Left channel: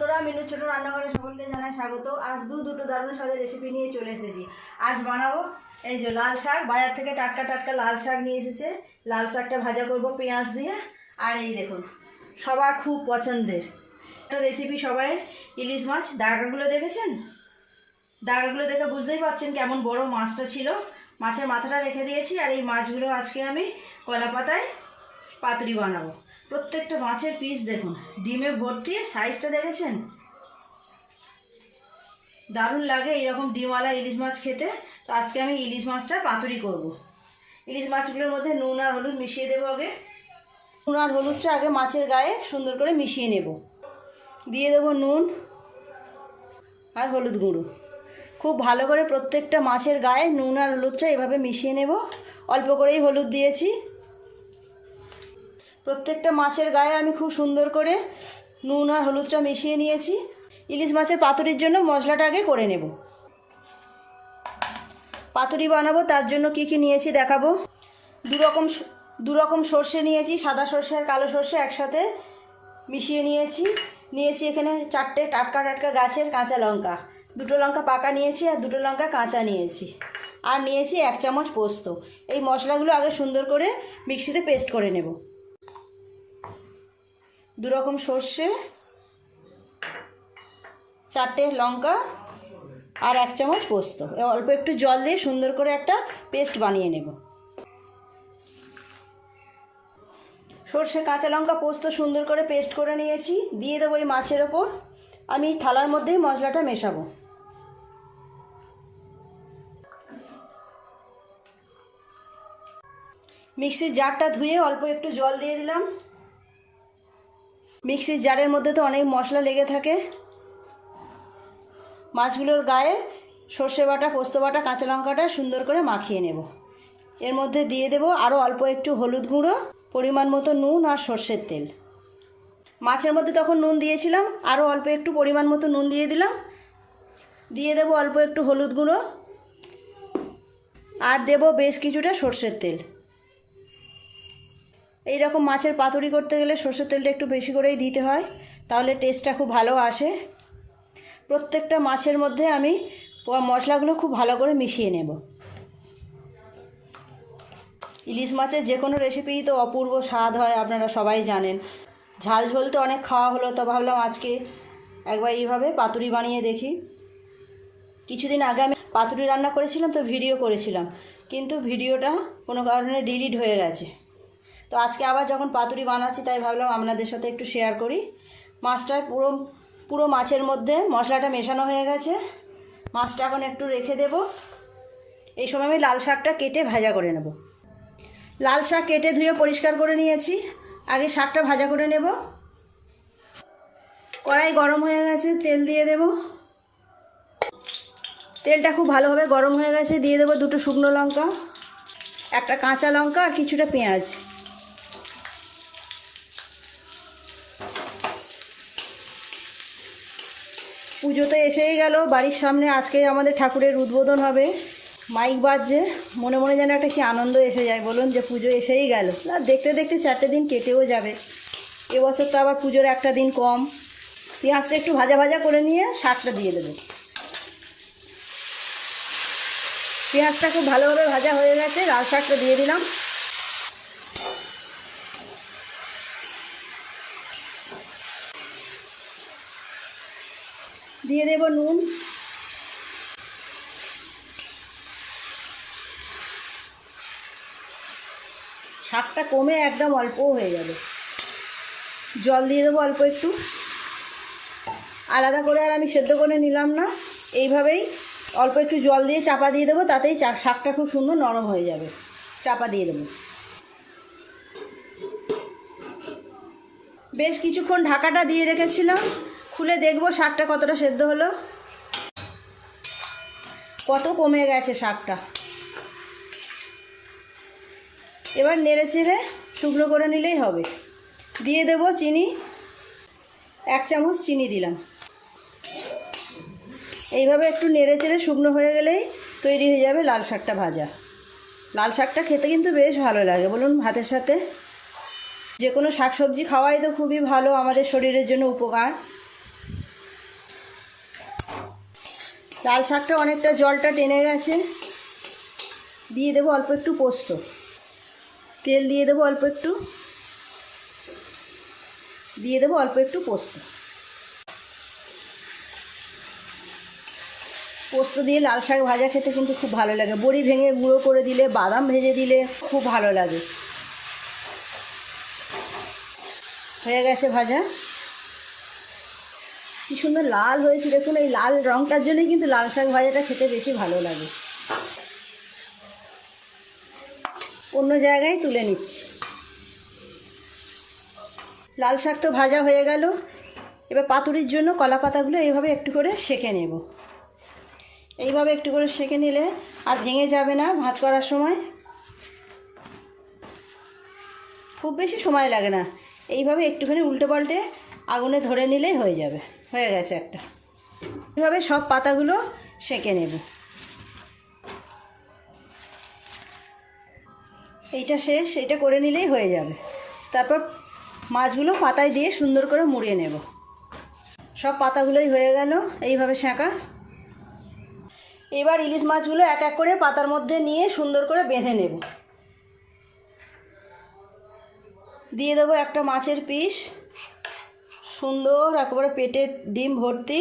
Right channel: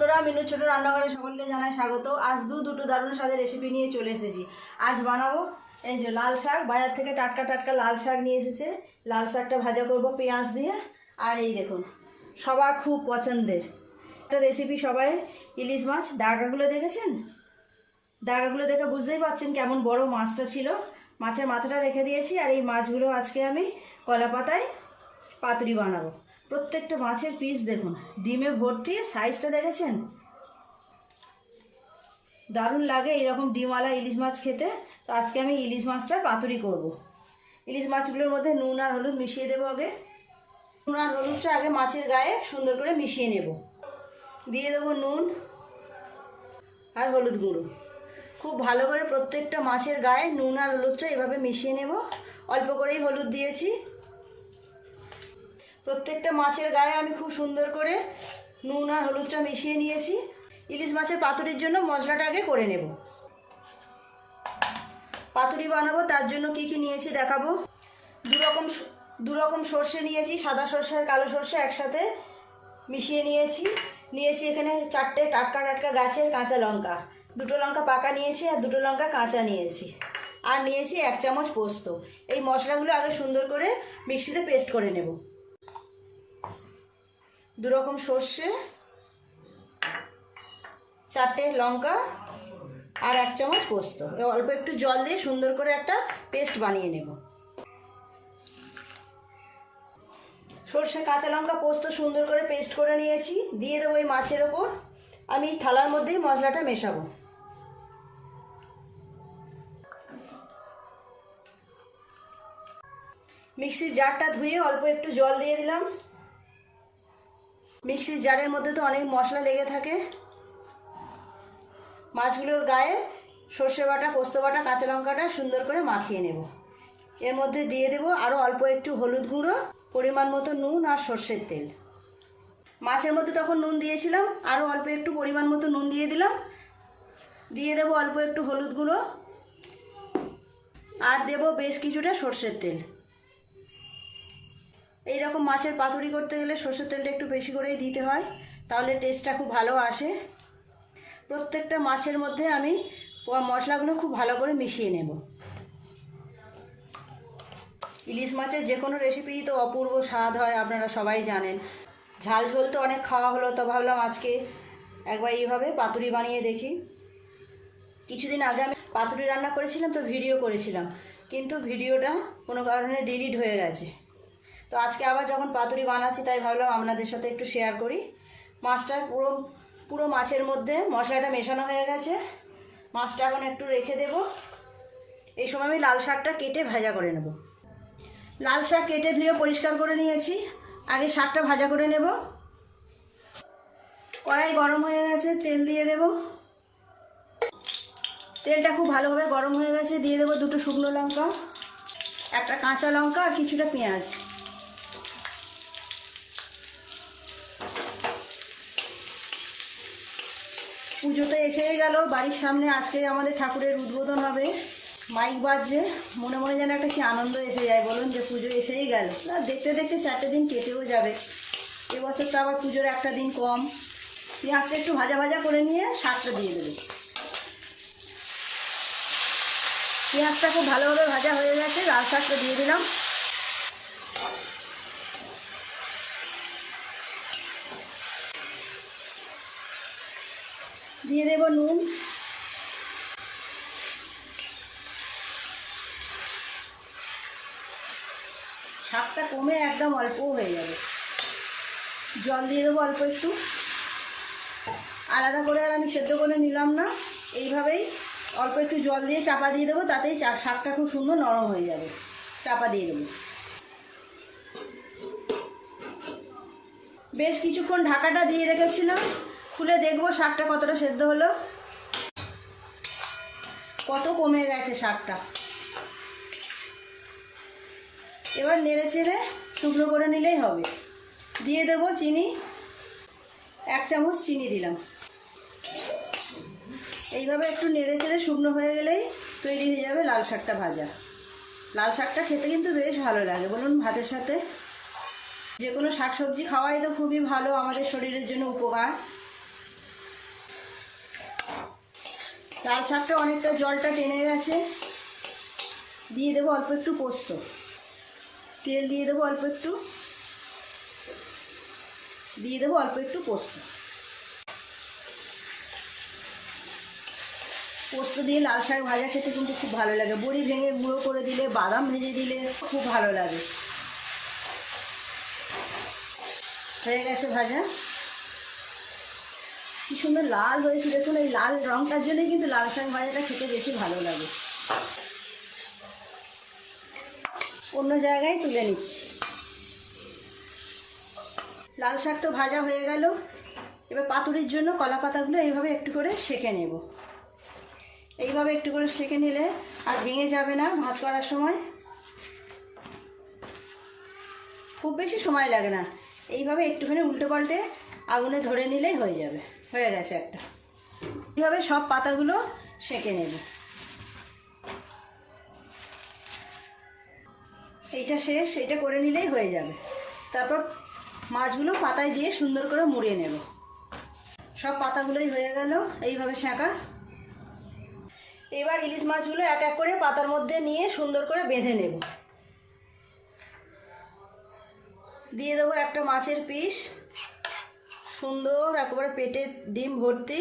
বন্ধুরা, মিনু ছোট রান্নাঘরে সকলকে জানাই স্বাগত। আজ দুটো দারুণ স্বাদের রেসিপি নিয়ে চলে এসেছি। আজ বানাবো এই যে লাল শাক, বাজার থেকে টাটকা টাটকা লাল শাক নিয়ে এসেছে। লাল শাকটা ভাজা করব পেঁয়াজ দিয়ে। আর এই দেখুন সবার খুব পছন্দের একটা রেসিপি, সবাই ইলিশ মাছ। দাগাগুলো দেখেছেন? দাগাগুলো দেখে বুঝতেই পারছেন কেমন বড় মাছটা ছিল। মাছের মাথাটা রেখে দিয়েছি। আর এই মাছগুলো আজকে আমি কলা পাতায় পাতুরি বানাবো। প্রত্যেকটা মাছের পিস দেখুন, ডিমে ভর্তি। সাইজটা দেখেছেন? দারুণ লাগে এরকম ডিমওয়ালা ইলিশ মাছ খেতে। তো আজকে আমি ইলিশ মাছটা পাতুরি করব। ইলিশ মাছগুলোর মধ্যে নুন আর হলুদ মিশিয়ে দেবো আগে। নুন আর হলুদটা আগে মাছের গায়ে সুন্দর করে মিশিয়ে নেব। দিয়ে দেবো নুন আর হলুদ গুঁড়ো। খুব ভালো করে প্রত্যেকটা মাছের গায়ে নুন আর হলুদটা এভাবে মিশিয়ে নেব। অল্প করেই হলুদ দিয়েছি। প্রত্যেকটা মাছের গায়ে আমি খুব সুন্দর করে নুন আর হলুদটা মিশিয়ে নিয়েছি। ইলিশ মাছের পাতুরির জন্য মশলাটা আগে করে নেব। পাতুরি বানাবো তার জন্য কি কি নিয়েছি দেখাবো। দু রকম সর্ষে নিয়েছি, সাদা সর্ষে আর কালো সর্ষে একসাথে মিশিয়ে নিয়েছি এখানে 4টে টাটকা টাটকা গাছের কাঁচা লঙ্কা। 2টো লঙ্কা পাকা নিয়েছি আর 2টো লঙ্কা কাঁচা নিয়েছি। আর নিয়েছি 1 চামচ পোস্ত। এই মশলাগুলো আগে সুন্দর করে মিক্সিতে পেস্ট করে নেব। 2 রকম সর্ষে, 4টে লঙ্কা আর 1 চামচ পোস্ত। অল্প একটু জল দিয়ে সুন্দর করে একটা পেস্ট বানিয়ে নেব। সর্ষে, কাঁচা লঙ্কা, পোস্ত সুন্দর করে পেস্ট করে নিয়েছি। দিয়ে দেবো এই মাছের ওপর। আমি থালার মধ্যেই মশলাটা মেশাবো। মিক্সির জারটা ধুয়ে অল্প একটু জল দিয়ে দিলাম। মিক্সির জারের মধ্যে তো অনেক মশলা লেগে থাকে। মাছগুলোর গায়ে সর্ষে বাটা, পোস্ত বাটা, কাঁচা লঙ্কাটা সুন্দর করে মাখিয়ে নেব। এর মধ্যে দিয়ে দেব আরও অল্প একটু হলুদ গুঁড়ো, পরিমাণ মতো নুন আর সর্ষের তেল। মাছের মধ্যে তখন নুন দিয়েছিলাম, আরও অল্প একটু পরিমাণ মতো নুন দিয়ে দিলাম। দিয়ে দেব অল্প একটু হলুদ গুঁড়ো আর দেব বেশ কিছুটা সর্ষের তেল। এই রকম মাছের পাতুরি করতে গেলে সর্ষের তেলটা একটু বেশি করেই দিতে হয়, তাহলে টেস্টটা খুব ভালো আসে। প্রত্যেকটা মাছের মধ্যে আমি মশলাগুলো খুব ভালো করে মিশিয়ে নেব। ইলিশ মাছের যে কোনো রেসিপিই তো অপূর্ব স্বাদ হয়, আপনারা সবাই জানেন। ঝাল ঝোল তো অনেক খাওয়া হলো, তো ভাবলাম আজকে একবার এইভাবে পাতুরি বানিয়ে দেখি। কিছুদিন আগে আমি পাতুরি রান্না করেছিলাম, তো ভিডিও করেছিলাম, কিন্তু ভিডিওটা কোনো কারণে ডিলিট হয়ে গেছে। তো আজকে আবার যখন পাতুরি বানাচ্ছি তাই ভাবলাম আপনাদের সাথে একটু শেয়ার করি। মাছটা পুরো মাছের মধ্যে মশলাটা মেশানো হয়ে গেছে। মাছটা এখন একটু রেখে দেব। এই সময় আমি লাল শাকটা কেটে ভাজা করে নেব। লাল শাক কেটে ধুয়ে পরিষ্কার করে নিয়েছি। আগে শাকটা ভাজা করে নেব। কড়াই গরম হয়ে গেছে, তেল দিয়ে দেব। তেলটা খুব ভালোভাবে গরম হয়ে গেছে। দিয়ে দেবো 2টো শুকনো লঙ্কা, 1টা কাঁচা লঙ্কা আর কিছুটা পেঁয়াজ। পুজো তো এসেই গেল, বাড়ির সামনে আজকে আমাদের ঠাকুরের উদ্বোধন হবে। মাইক বাজছে, মনে মনে যেন একটা কি আনন্দ এসে যায় বলুন, যে পুজো এসেই গেল। না, দেখতে দেখতে 4টে দিন কেটেও যাবে। এবছর তো আবার পুজোর একটা দিন কম। পেঁয়াজটা একটু ভাজা ভাজা করে নিয়ে শাকটা দিয়ে দেবে। পেঁয়াজটা খুব ভালোভাবে ভাজা হয়ে গেছে, লাল শাকটা দিয়ে দিলাম। দিয়ে দেব নুন, শাকটা কমে একদম অল্প হয়ে যাবে। জল দিয়ে দেবো অল্প একটু। আলাদা করে আর আমি সেদ্ধ করে নিলাম না, এইভাবেই অল্প একটু জল দিয়ে চাপা দিয়ে দেবো, তাতেই শাকটা খুব সুন্দর নরম হয়ে যাবে। চাপা দিয়ে দেবো। বেশ কিছুক্ষণ ঢাকাটা দিয়ে রেখেছিলাম। খুলে দেখবো শাকটা কতটা সেদ্ধ হলো, কত কমে গেছে শাকটা। এবার নেড়ে চেড়ে শুকনো করে নিলেই হবে। দিয়ে দেবো চিনি, 1 চামচ চিনি দিলাম। এইভাবে একটু নেড়ে চেড়ে শুকনো হয়ে গেলেই তৈরি হয়ে যাবে লাল শাকটা ভাজা। লাল শাকটা খেতে কিন্তু বেশ ভালো লাগে বলুন ভাতের সাথে। যে কোনো শাকসবজি খাওয়াই তো খুবই ভালো, আমাদের শরীরের জন্য উপকার। লাল শাকটা অনেকটা জলটা টেনে গেছে। দিয়ে দেবো অল্প একটু পোস্ত, তেল দিয়ে দেবো অল্প একটু, দিয়ে দেবো অল্প একটু পোস্ত। পোস্ত দিয়ে লাল শাক ভাজা খেতে কিন্তু খুব ভালো লাগে। বড়ি ভেঙে গুঁড়ো করে দিলে, বাদাম ভেজে দিলে খুব ভালো লাগে। হয়ে গেছে ভাজা। কি সুন্দর লাল হয়েছে দেখুন। এই লাল রঙটার জন্যই কিন্তু লাল শাক ভাজাটা খেতে বেশি ভালো লাগে। অন্য জায়গায় তুলে নিচ্ছি। লাল শাক তো ভাজা হয়ে গেল। এবার পাতুরির জন্য কলা পাতাগুলো এইভাবে একটু করে সেঁকে নেব। এইভাবে একটু করে সেঁকে নিলে আর ভেঙে যাবে না ভাত করার সময়। খুব বেশি সময় লাগে না। এইভাবে একটুখানি উল্টে পাল্টে আগুনে ধরে নিলেই হয়ে যাবে। হয়ে গেছে একটা। এইভাবে সব পাতাগুলো সেঁকে নেব। এইটা শেষ, এটা করে নিলেই হয়ে যাবে। তারপর মাছগুলো পাতায় দিয়ে সুন্দর করে মুড়িয়ে নেব। সব পাতাগুলোই হয়ে গেল এইভাবে সেঁকা। এবার ইলিশ মাছগুলো এক এক করে পাতার মধ্যে নিয়ে সুন্দর করে বেঁধে নেব। দিয়ে দেবো একটা মাছের পিস, সুন্দর একেবারে পেটে ডিম ভর্তি।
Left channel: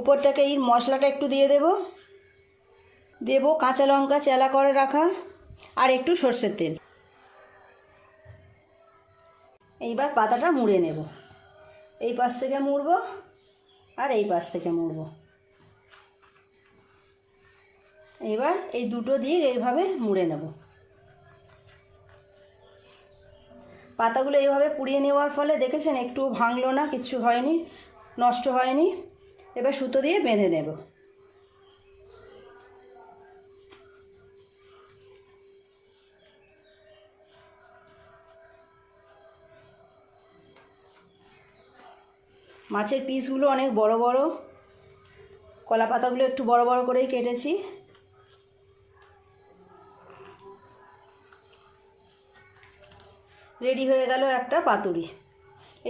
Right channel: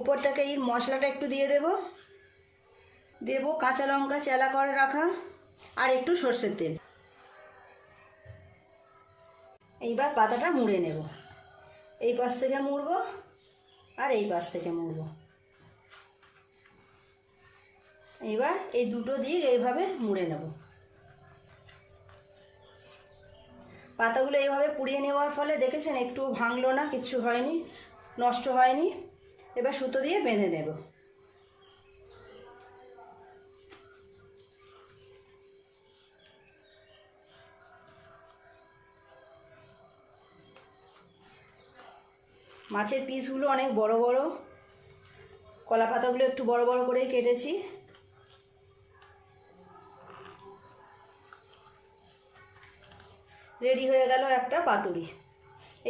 উপর থেকে এই মশলাটা একটু দিয়ে দেব কাঁচা লঙ্কা চেলা করে রাখা আর একটু সর্ষের তেল। এইবার পাতাটা মুড়ে নেব। এই পাশ থেকে মুড়ব আর এই পাশ থেকে মুড়ব। এবার এই দুটো দিক এইভাবে মুড়ে নেব। পাতাগুলো এইভাবে পুড়িয়ে নেওয়ার ফলে দেখেছেন একটু ভাঙলো না, কিচ্ছু হয়নি, নষ্ট হয়নি। এবার সুতো দিয়ে বেঁধে নেব। মাছের পিসগুলো অনেক বড় বড়, কলা পাতাগুলো একটু বড় বড় করেই কেটেছি। রেডি হয়ে গেল একটা পাতুরি।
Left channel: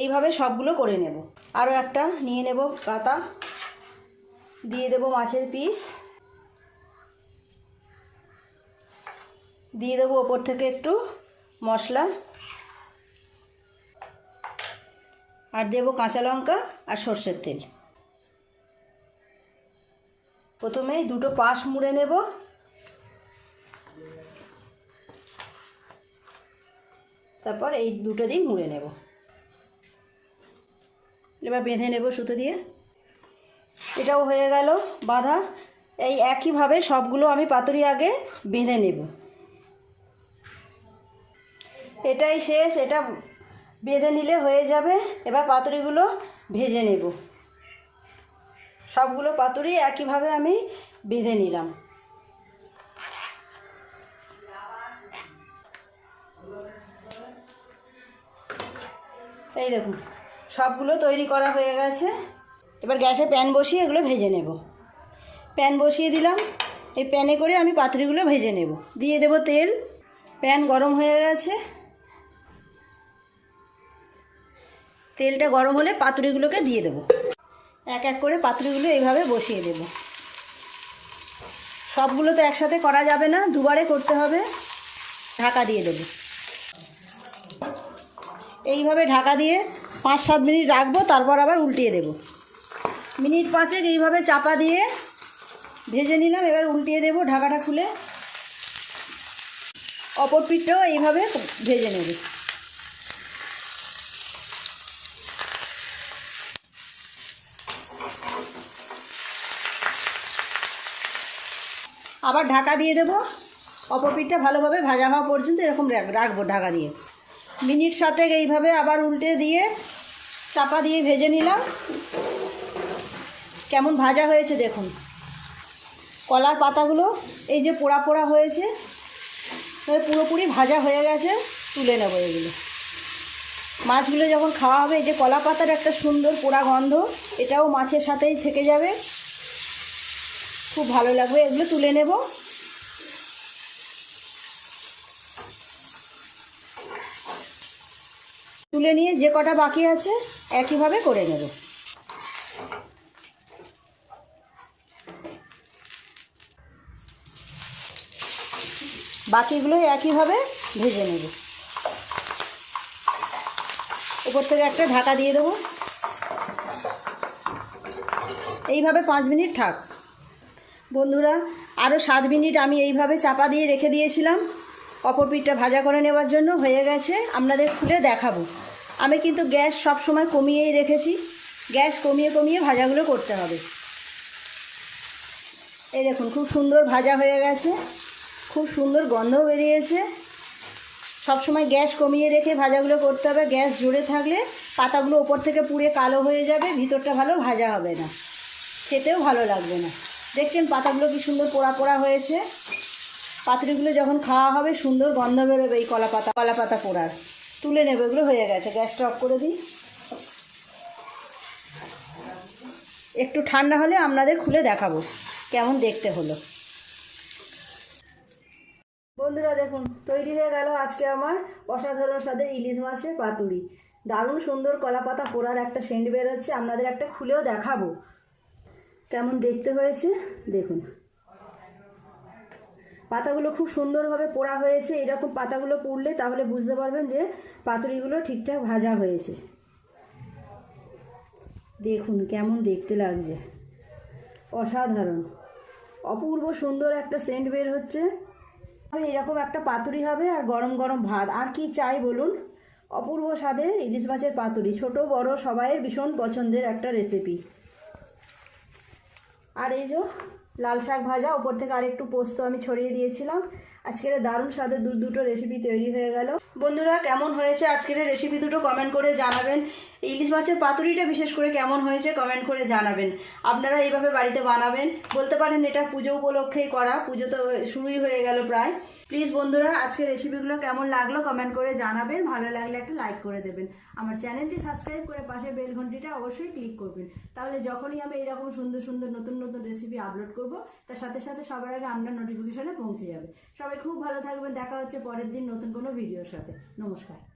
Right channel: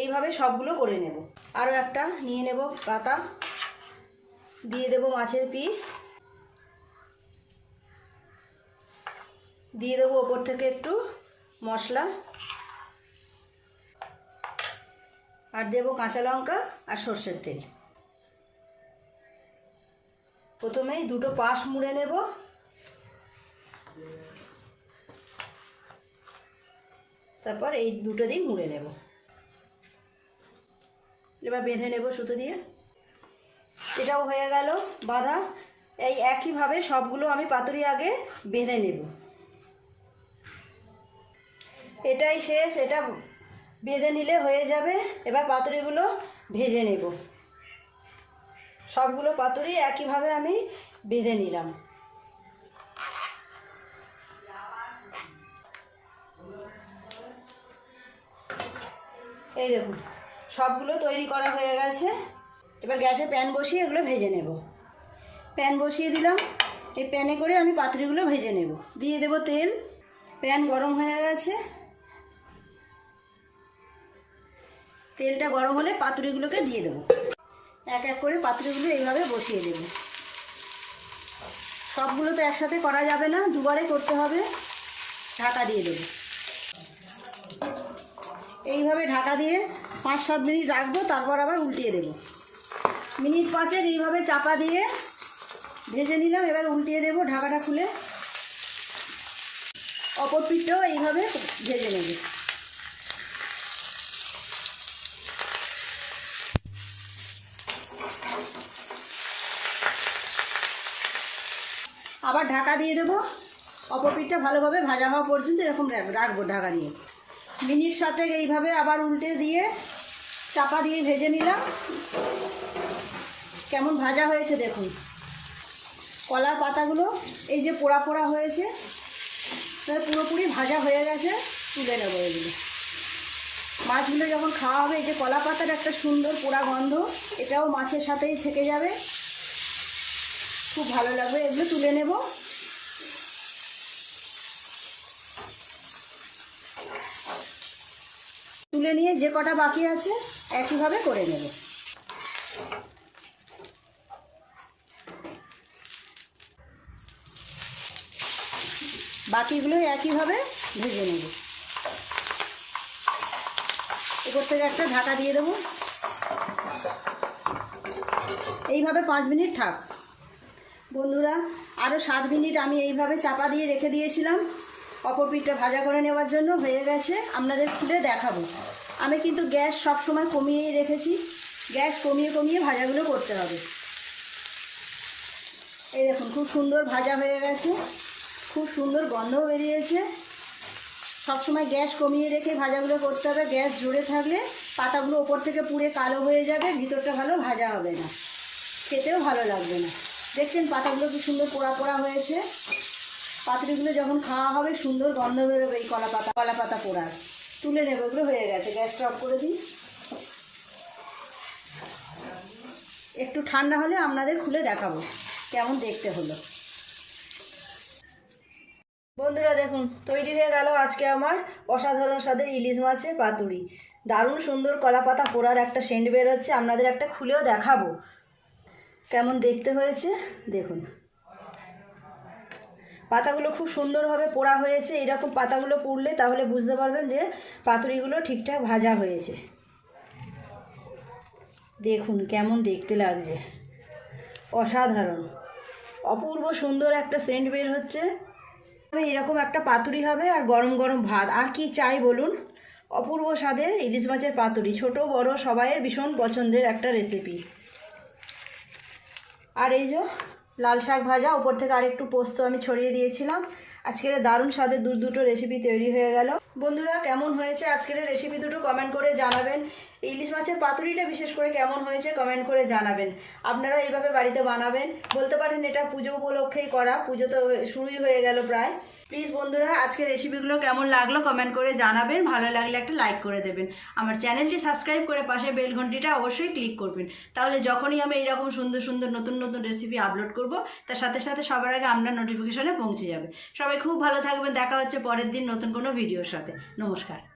এইভাবে সবগুলো করে নেব। আরও একটা নিয়ে নেব পাতা, দিয়ে দেব মাছের পিস, দিয়ে দেবো ওপর থেকে একটু মশলা, আর দেব কাঁচা লঙ্কা আর সর্ষের তেল। প্রথমে দুটো পাশ মুড়ে নেব। তারপর এই দুটো দিক মুড়ে নেব। এবার বেঁধে নেব সুতো দিয়ে। এটাও হয়ে গেল বাঁধা। এই একইভাবে সবগুলো আমি পাতুরি আগে বেঁধে নেব। এটাই শেষ, এটা বেঁধে নিলে হয়ে যাবে। এবার পাতুরিগুলো ভেজে নেব। সবগুলো পাতুরি একইভাবে আমি বেঁধে নিলাম। এই দেখুন সবগুলো তৈরি করা হয়ে গেছে। এবার গ্যাসে প্যান বসিয়ে এগুলো ভেজে নেব। প্যান বসিয়ে দিলাম। এই প্যানে করে আমি পাতুরিগুলো ভেজে নেব। দিয়ে দেব তেল। প্যান গরম হয়ে গেছে। তেলটা গরম হলে পাতুরিগুলোকে দিয়ে দেব। এক এক করে পাতুরিগুলো এইভাবে বসিয়ে দেব। সবগুলো তো একসাথে করা যাবে না, দুবারে করতে হবে। ঢাকা দিয়ে দেব। এইভাবে ঢাকা দিয়ে 5-7 মিনিট রাখবো, তারপর আবার উল্টিয়ে দেব। মিনিট 5 এইভাবে চাপা দিয়ে ভেজে নিলাম। এবার উল্টিয়ে দেব ঢাকাটা খুলে। অপর পিঠটাও এইভাবে ভেজে নেব। আবার ঢাকা দিয়ে দেবো। অপর পিঠটা ভালোভাবে ভাজা হওয়া পর্যন্ত এরকম রাখবো ঢাকা দিয়ে। মিনিট 7 এইভাবে আবার উল্টে দিয়ে চাপা দিয়ে ভেজে নিলাম। কেমন ভাজা হয়েছে দেখুন। কলার পাতাগুলো এই যে পোড়া পোড়া হয়েছে, পুরোপুরি ভাজা হয়ে গেছে। তুলে নেবো এগুলো। মাছগুলো যখন খাওয়া হবে, এই যে কলা পাতার একটা সুন্দর পোড়া গন্ধ, এটাও মাছের সাথেই থেকে যাবে, খুব ভালো লাগবে। এগুলো তুলে নেব। তুলে নিয়ে যে কটা বাকি আছে একইভাবে করে নেব। বাকিগুলো একইভাবে ভেজে নেব। উপর থেকে একটা ঢাকা দিয়ে দেবো। এইভাবে 5 মিনিট থাক। বন্ধুরা, আরও 7 মিনিট আমি এইভাবে চাপা দিয়ে রেখে দিয়েছিলাম অপর পিঠটা ভাজা করে নেওয়ার জন্য। হয়ে গেছে, আপনাদের খুলে দেখাবো। আমি কিন্তু গ্যাস সব সময় কমিয়েই রেখেছি। গ্যাস কমিয়ে কমিয়ে ভাজাগুলো করতে হবে। এই দেখুন, খুব সুন্দর ভাজা হয়ে গেছে, খুব সুন্দর গন্ধ বেরিয়েছে। সবসময় গ্যাস কমিয়ে রেখে ভাজাগুলো করতে হবে। গ্যাস জোরে থাকলে পাতাগুলো ওপর থেকে পুড়ে কালো হয়ে যাবে, ভিতরটা ভালো ভাজা হবে না, খেতেও ভালো লাগবে না। দেখছেন পাতাগুলো কি সুন্দর পোড়া পোড়া হয়েছে। পাতুরিগুলো যখন খাওয়া হবে সুন্দর গন্ধ বেরোবে এই কলা পাতা পোড়ার। তুলে নেবে, এগুলো হয়ে গেছে। গ্যাসটা অফ করে দিই। একটু ঠান্ডা হলে আপনাদের খুলে দেখাবো কেমন দেখতে হলো। বন্ধুরা দেখুন, তৈরি হয়ে গেল আজকে আমার অসাধারণ স্বাদের ইলিশ মাছের পাতুরি। দারুণ সুন্দর কলা পাতা পোড়ার একটা সেন্ট বের হচ্ছে। আপনাদের একটা খুলেও দেখাবো কেমন দেখতে হয়েছে। দেখুন, পাতাগুলো খুব সুন্দরভাবে পোড়া হয়েছে। এরকম পাতাগুলো পুড়লে তাহলে বুঝতে পারবেন যে পাতুরিগুলো ঠিকঠাক ভাজা হয়েছে। দেখুন কেমন দেখতে লাগছে, অসাধারণ, অপূর্ব সুন্দর একটা সেন্ট বের হচ্ছে। এরকম একটা পাতুরি হবে আর গরম গরম ভাত, আর কি চাই বলুন। অপূর্ব স্বাদের ইলিশ মাছের পাতুরি, ছোট বড় সবাইয়ের ভীষণ পছন্দের একটা রেসিপি। আর এই যে লাল শাক ভাজা, ওপর থেকে আরেকটু পোস্ত আমি ছড়িয়ে দিয়েছিলাম। আজকের দারুণ স্বাদের দুটো রেসিপি তৈরি হয়ে গেল। বন্ধুরা, কেমন হয়েছে আজকের রেসিপি দুটো কমেন্ট করে জানাবেন। ইলিশ মাছের পাতুরিটা বিশেষ করে কেমন হয়েছে কমেন্ট করে জানাবেন। আপনারা এইভাবে বাড়িতে বানাবেন। বলতে পারেন এটা পুজো উপলক্ষেই করা, পুজো তো শুরুই হয়ে গেল প্রায়। প্লিজ বন্ধুরা, আজকের রেসিপিগুলো কেমন লাগলো কমেন্ট করে জানাবেন। ভালো লাগলে একটা লাইক করে দেবেন। আমার চ্যানেলটি সাবস্ক্রাইব করে পাশে বেল ঘন্টিটা অবশ্যই ক্লিক করবেন। তাহলে যখনই আমি এইরকম সুন্দর সুন্দর নতুন নতুন রেসিপি আপলোড করব, তার সাথে সাথে সবার আগে আপনার নোটিফিকেশনে পৌঁছে যাবে। সবাই খুব ভালো থাকবেন। দেখা হচ্ছে পরের দিন নতুন কোনো ভিডিওর সাথে। নমস্কার।